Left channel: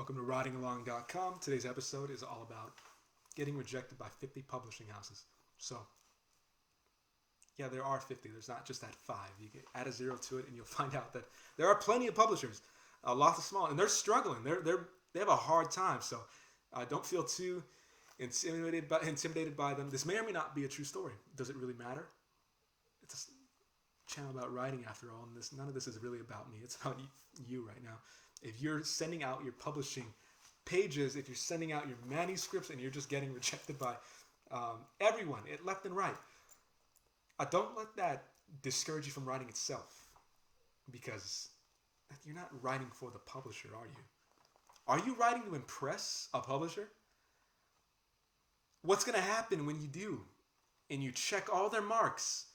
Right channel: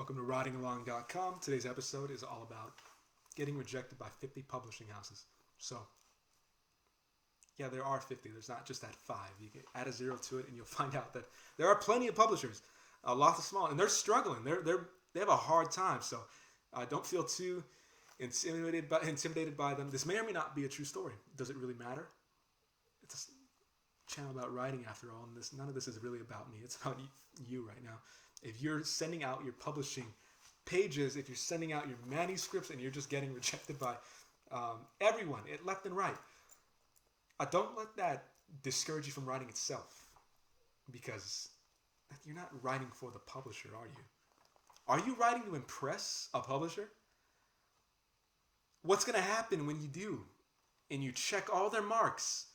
Welcome to writingalong.com. Today's episode is all about getting rejected by 50 publishing houses. So, yeah, there are 50. There's not just that 5. You can add a 0 to it and you'll find out that there are plenty of publishers, lots of small, and they're struggling. They have a hard time. So, don't feel too intimidated by them. This may or may not be a true story. Does it really matter? It's a channel about writing after all, and none of this is really about me. It's about you right now. If you're sending out your publishing pages, if you're sending out your manuscripts and you're just getting rejected by everyone, left and right, don't let that discourage you from writing itself, because you're not writing for the publisher, are you? Are you writing to impress a publisher? What's going to happen when you do and you check all their marks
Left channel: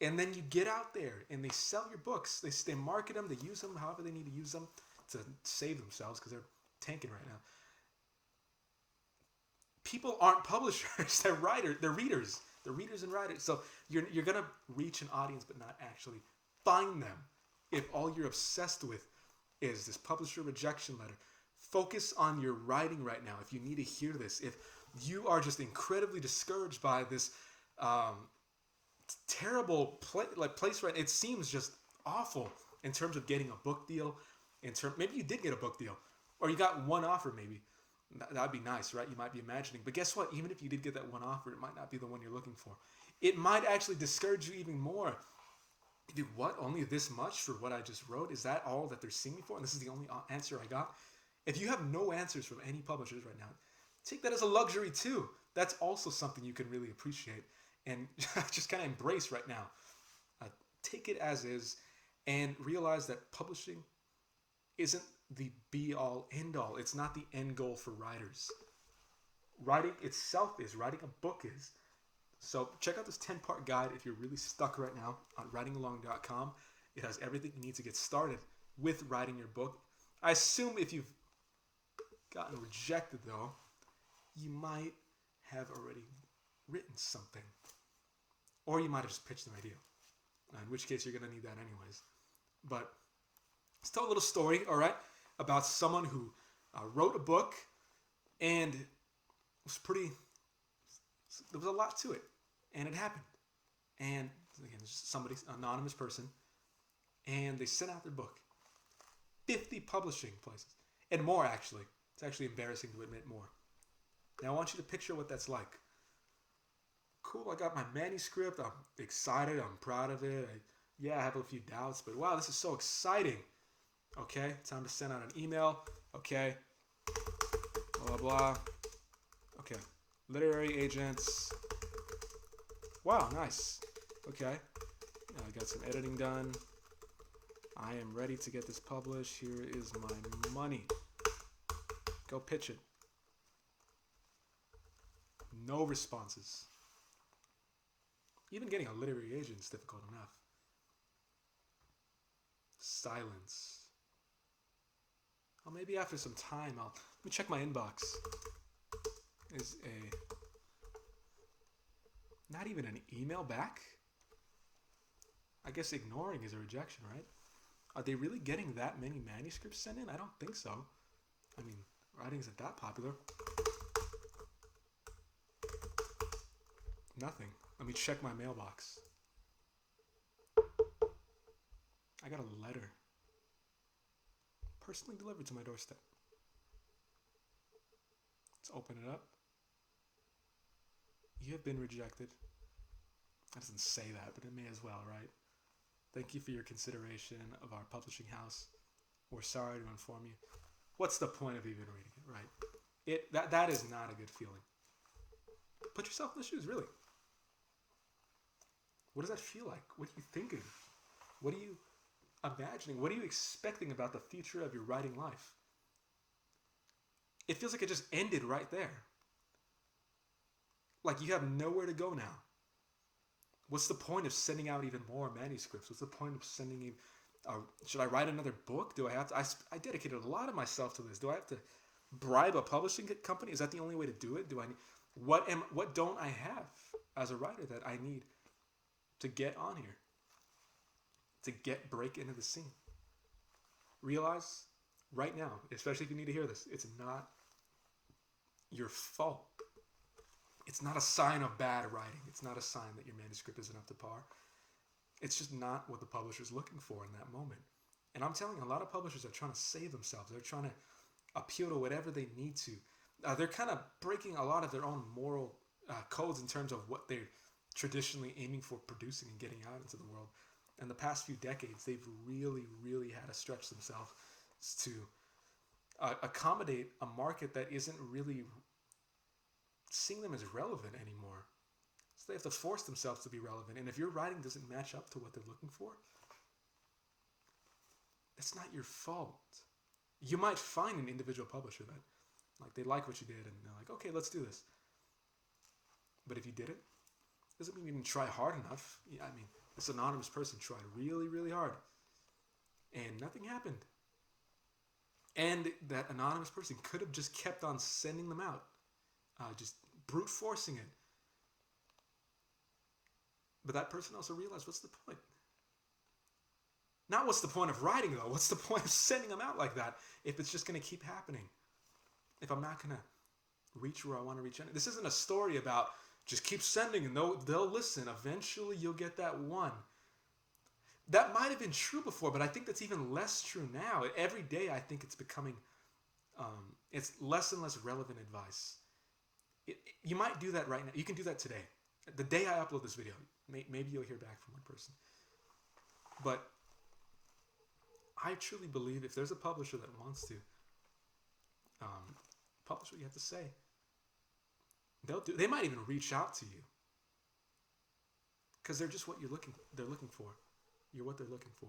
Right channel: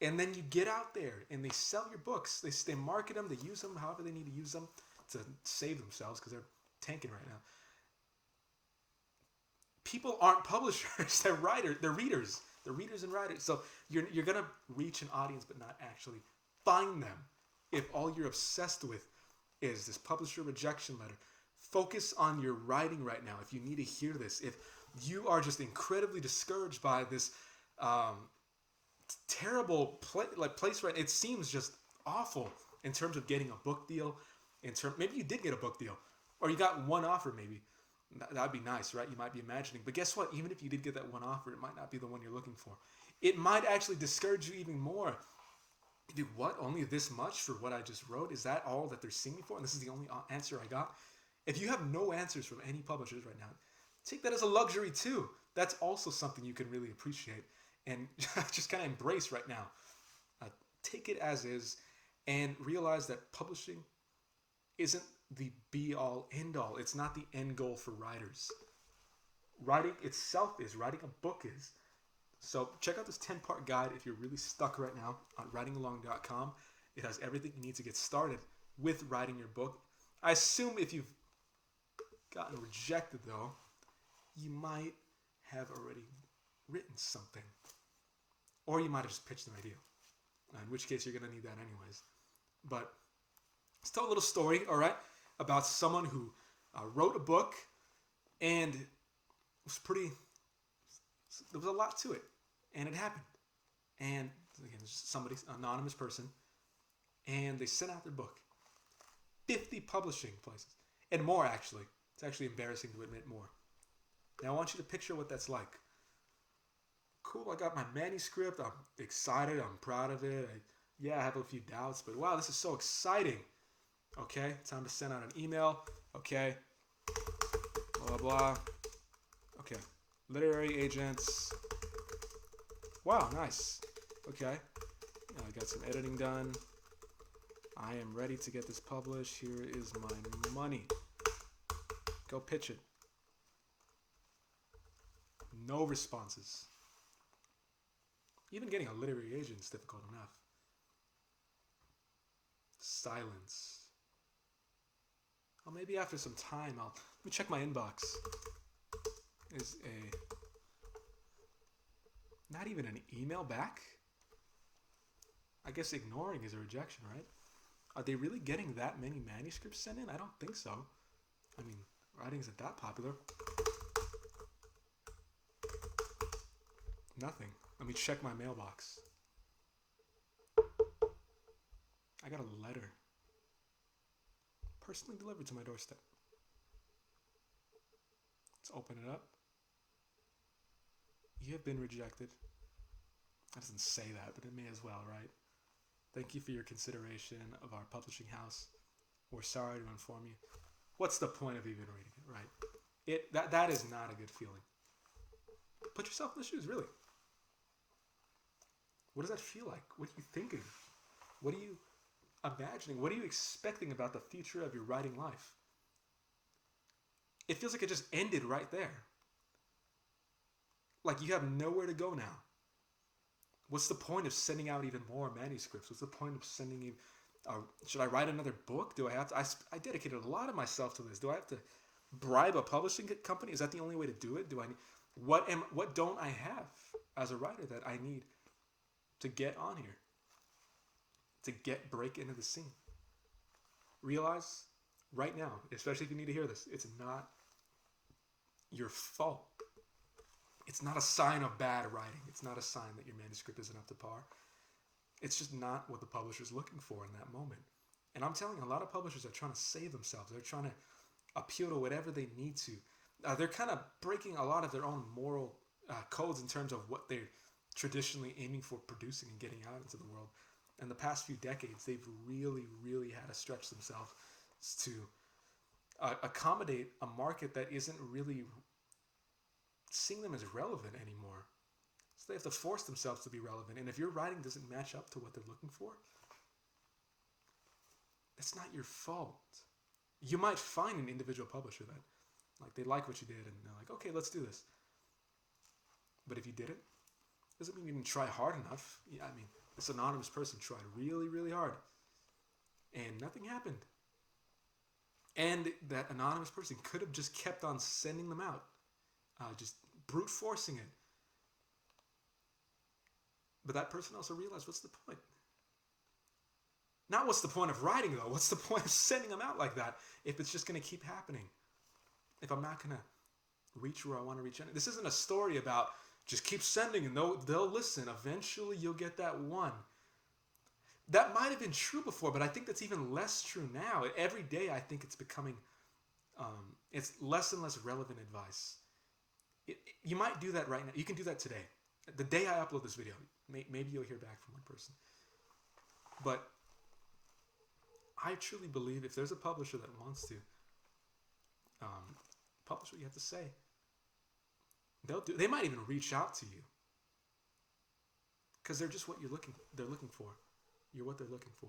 and then you get out there and they sell your books, they market them, they use them however they need to use them to save themselves because they're tanking right now. People aren't publishers, they're writers, they're readers. They're readers and writers. So you're going to reach an audience but not actually find them if all you're obsessed with is this publisher rejection letter. Focus on your writing right now. If you need to hear this, if you are just incredibly discouraged by this terrible place right, it seems just awful in terms of getting a book deal. Maybe you did get a book deal, or you got one offer. Maybe that'd be nice, right? You might be imagining, but guess what? Even if you did get that one offer, it might not be the one you're looking for. It might actually discourage you even more. What? Only this much for what I just wrote? Is that all that they're seeing me for? And this is the only answer I got? If you have no answers from any publishers right now, take that as a luxury too. That's also something you can really appreciate and just kind of embrace right now. Take it as is and realize that publishing isn't the be-all, end-all. It's not the end goal for writers. Writing itself is. Writing a book is. So check out this 10-part guide if you're really stuck right now on writingalong.com. It has everything you need to get started with writing your book. I assume if you've gotten rejected, though, you might have already written something. Or you might have just pitched an idea, in which case you're going to need that anyways. But let's tell a little story, all right, about someone who wrote a book and there was a lot to it, and it happened. And again, somebody, anonymous person, and they sent out their book. 50 publishing places, and more actually. It's actually embarrassing to admit more. Now I want you to picture what that's like. Cool, I got my manuscript, I'm excited, I'm proud of it. I have a few doubts, but wow, this is so exciting. Okay, time to send out an email. Okay, blah, blah. Okay, literary agents. Wow, nice. Okay, I got some editing done. I am ready to get this published. Here is my money. Go pitch it. No responses. Even getting a literary agent is difficult enough. Silence. Well, maybe after some time, let me check my inbox. Not even an email back? I guess ignoring is a rejection, right? Are they really getting that many manuscripts sent in? I don't think so. I mean, writing isn't that popular. Nothing. Let me check my mailbox. I got a letter. Personally delivered to my doorstep. Let's open it up. You have been rejected. That doesn't say that, but it may as well, right? Thank you for your consideration of our publishing house. We're sorry to inform you. What's the point of even reading it, right? That is not a good feeling. Put yourself in the shoes, really. What does that feel like? What are you thinking? What are you imagining? What are you expecting about the future of your writing life? It feels like it just ended right there. Like you have nowhere to go now. What's the point of sending out even more manuscripts? What's the point of sending you? Should I write another book? Do I have to? I dedicated a lot of myself to this. Do I have to bribe a publishing company? Is that the only way to do it? What don't I have as a writer that I need to get on here, to break into the scene? Realize right now, especially if you need to hear this, it's not your fault. It's not a sign of bad writing. It's not a sign that your manuscript isn't up to par. It's just not what the publisher's looking for in that moment. And I'm telling you, a lot of publishers are trying to save themselves. They're trying to appeal to whatever they need to. They're kind of breaking a lot of their own moral codes in terms of what they're traditionally aiming for producing and getting out into the world. In the past few decades, they've really, really had to stretch themselves to accommodate a market that isn't really seeing them as relevant anymore. So they have to force themselves to be relevant. And if your writing doesn't match up to what they're looking for, it's not your fault. You might find an individual publisher that, like, they like what you did and they're like, okay, let's do this. But if you didn't, doesn't mean you didn't try hard enough. Yeah, I mean, this anonymous person tried really, really hard and nothing happened. And that anonymous person could have just kept on sending them out, just brute forcing it. But that person also realized, what's the point? Not what's the point of writing, though. What's the point of sending them out like that if it's just going to keep happening? If I'm not going to reach where I want to reach. This isn't a story about just keep sending and they'll listen. Eventually you'll get that one. That might have been true before, but I think that's even less true now. Every day I think it's becoming, it's less and less relevant advice. You might do that right now. You can do that today. The day I upload this video, maybe you'll hear back from one person. But I truly believe if there's a publisher that wants to publish what you have to say, they might even reach out to you because they're just what they're looking for. You're what they're looking for.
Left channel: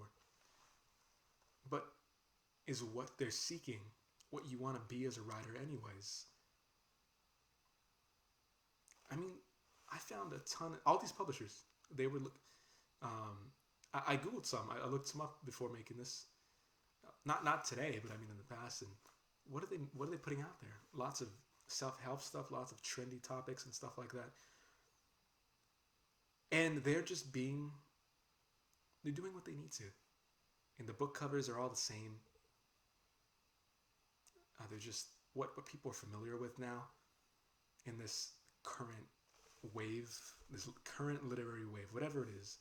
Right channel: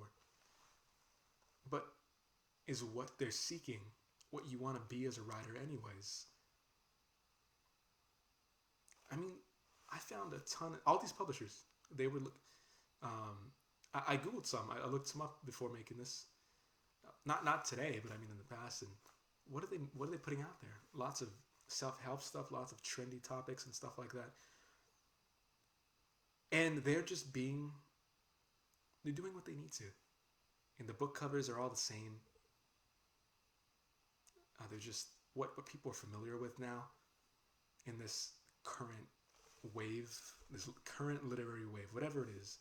But is what they're seeking what you want to be as a writer anyways? I mean, I found a ton of, all these publishers, they would look, I Googled some, I looked some up before making this, not today, but I mean in the past, and what are they putting out there? Lots of self-help stuff, lots of trendy topics and stuff like that. And they're doing what they need to. And the book covers are all the same. They're just what people are familiar with now in this current wave, this current literary wave, whatever it is.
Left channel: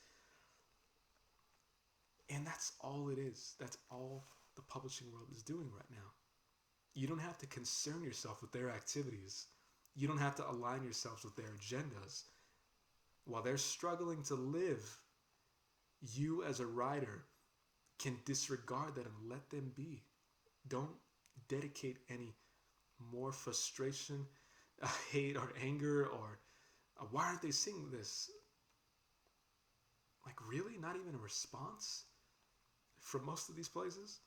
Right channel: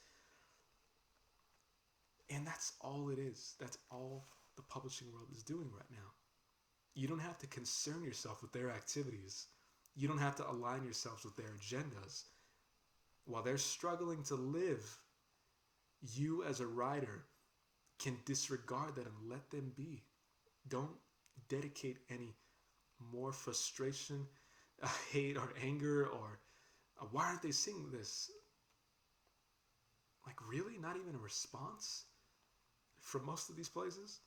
And that's all it is. That's all the publishing world is doing right now. You don't have to concern yourself with their activities. You don't have to align yourselves with their agendas. While they're struggling to live, you as a writer can disregard that and let them be. Don't dedicate any more frustration, hate, or anger, or why aren't they singing this? Like, really? Not even a response from most of these places?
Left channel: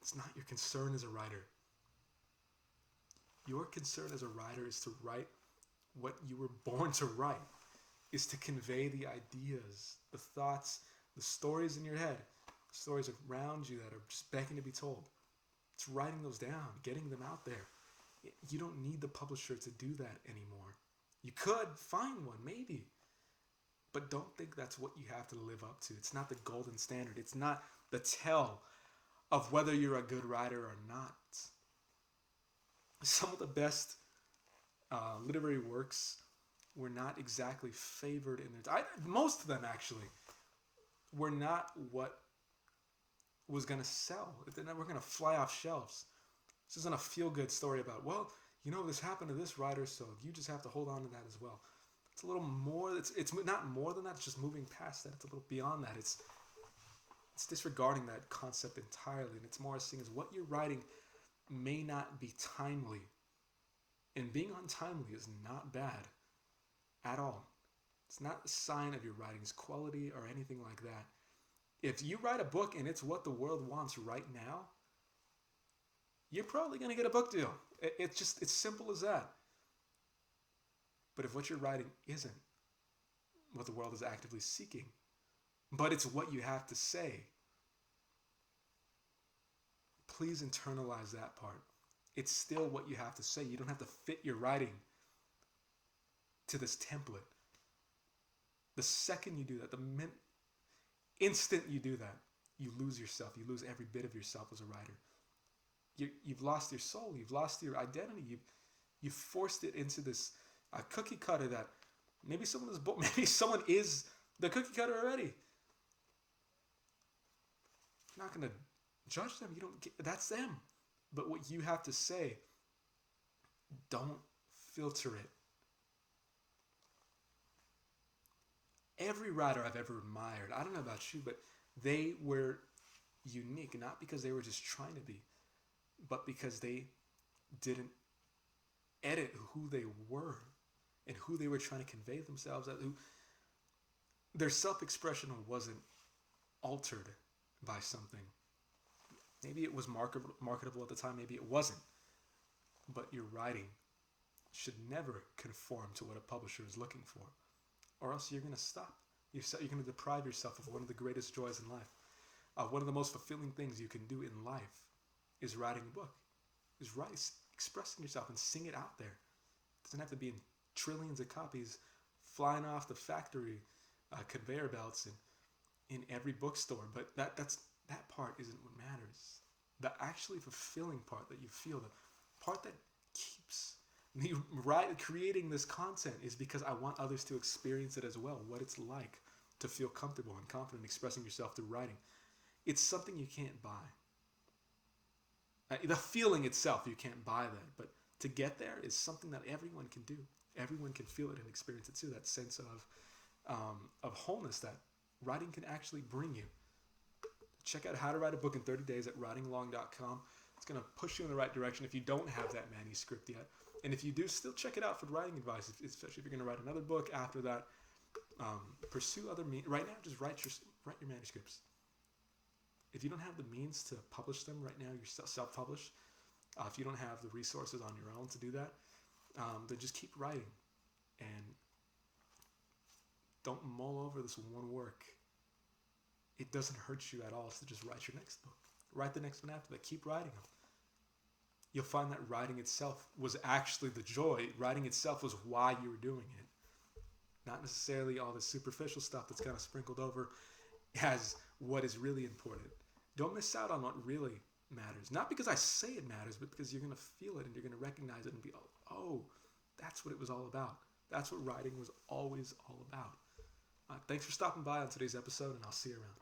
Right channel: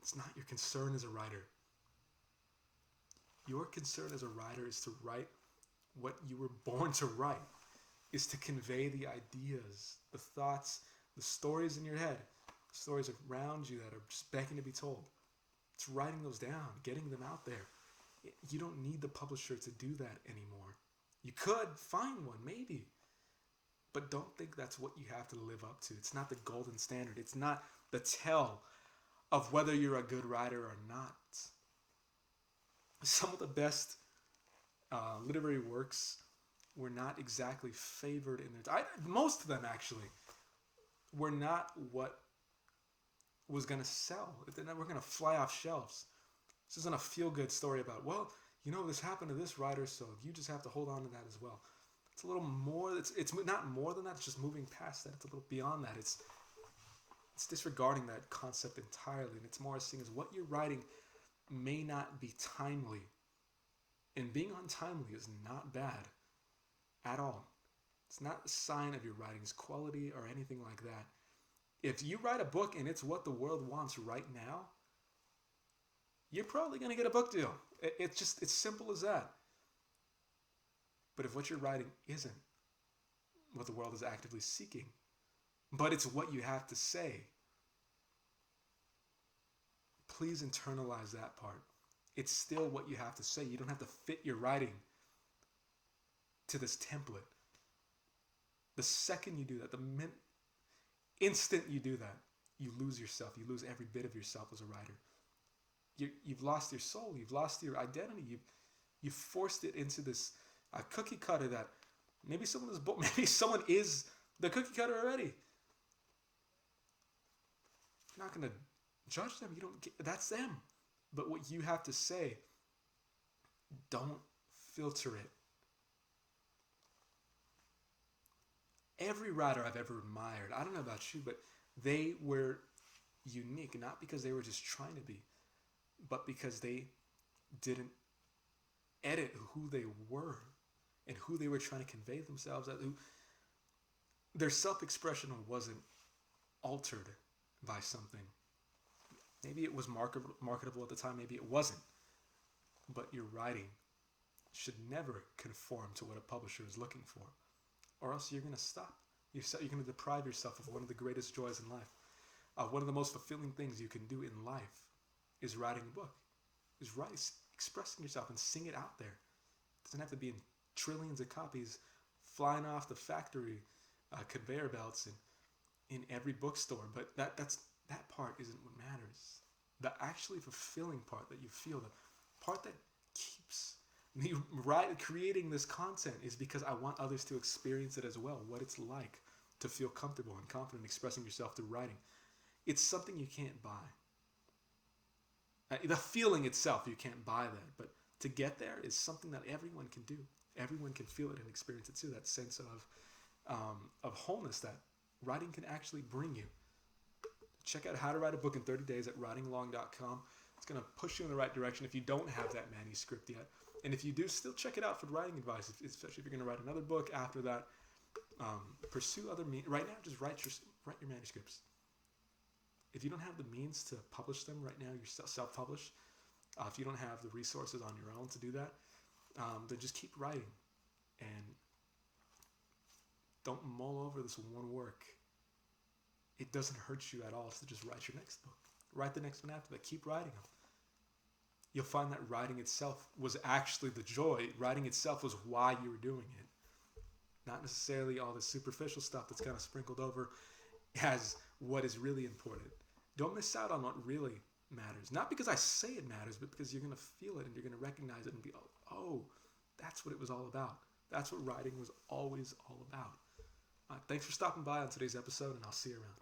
It's not your concern as a writer. Your concern as a writer is to write what you were born to write, is to convey the ideas, the thoughts, the stories in your head, stories around you that are just begging to be told. It's writing those down, getting them out there. You don't need the publisher to do that anymore. You could find one, maybe, but don't think that's what you have to live up to. It's not the golden standard. It's not the tell of whether you're a good writer or not. Some of the best literary works were not exactly favored in their time. Most of them, actually, were not what was going to sell. They were going to fly off shelves. This isn't a feel-good story about, well, you know, this happened to this writer, so you just have to hold on to that as well. It's a little more, it's not more than that, it's just moving past that. It's a little beyond that. It's disregarding that concept entirely, and it's more seeing as what you're writing may not be timely. And being untimely is not bad at all. It's not a sign of your writing's quality or anything like that. If you write a book and it's what the world wants right now, you're probably going to get a book deal. It's simple as that. But if what you're writing isn't what the world is actively seeking, but it's what you have to say, please internalize that part. It's still what you have to say. You don't have to fit your writing to this template. The second you do that, the instant you do that, you lose yourself. You lose every bit of yourself as a writer. You've lost your soul. You've lost your identity. You've forced it into this cookie cutter that maybe maybe someone is the cookie cutter already. You're not going to judge them. You don't get, that's them. But what you have to say, don't filter it. Every writer I've ever admired, I don't know about you, but they were unique, not because they were just trying to be, but because they didn't edit who they were and who they were trying to convey themselves as. Their self-expression wasn't altered by something. Maybe it was marketable at the time, maybe it wasn't. But your writing should never conform to what a publisher is looking for, or else you're going to stop. You're going to deprive yourself of one of the greatest joys in life. One of the most fulfilling things you can do in life is writing a book, is expressing yourself and sing it out there. It doesn't have to be in trillions of copies flying off the factory conveyor belts in every bookstore, but that part isn't what matters. The actually fulfilling part that you feel, the part that keeps me creating this content is because I want others to experience it as well, what it's like to feel comfortable and confident expressing yourself through writing. It's something you can't buy. The feeling itself, you can't buy that, but to get there is something that everyone can do. Everyone can feel it and experience it too, that sense of wholeness that writing can actually bring you. Check out How to Write a Book in 30 Days at writingalong.com. It's going to push you in the right direction if you don't have that manuscript yet. And if you do, still check it out for writing advice, especially if you're going to write another book after that. Pursue other means. Right now, just write your manuscripts. If you don't have the means to publish them right now, you're self-published. If you don't have the resources on your own to do that, then just keep writing. And don't mull over this one work. It doesn't hurt you at all to just write your next book. Write the next one after that. Keep writing them. You'll find that writing itself was actually the joy. Writing itself was why you were doing it. Not necessarily all the superficial stuff that's kind of sprinkled over as what is really important. Don't miss out on what really matters. Not because I say it matters, but because you're going to feel it and you're going to recognize it and be, oh, that's what it was all about. That's what writing was always all about. Thanks for stopping by on today's episode, and I'll see you around.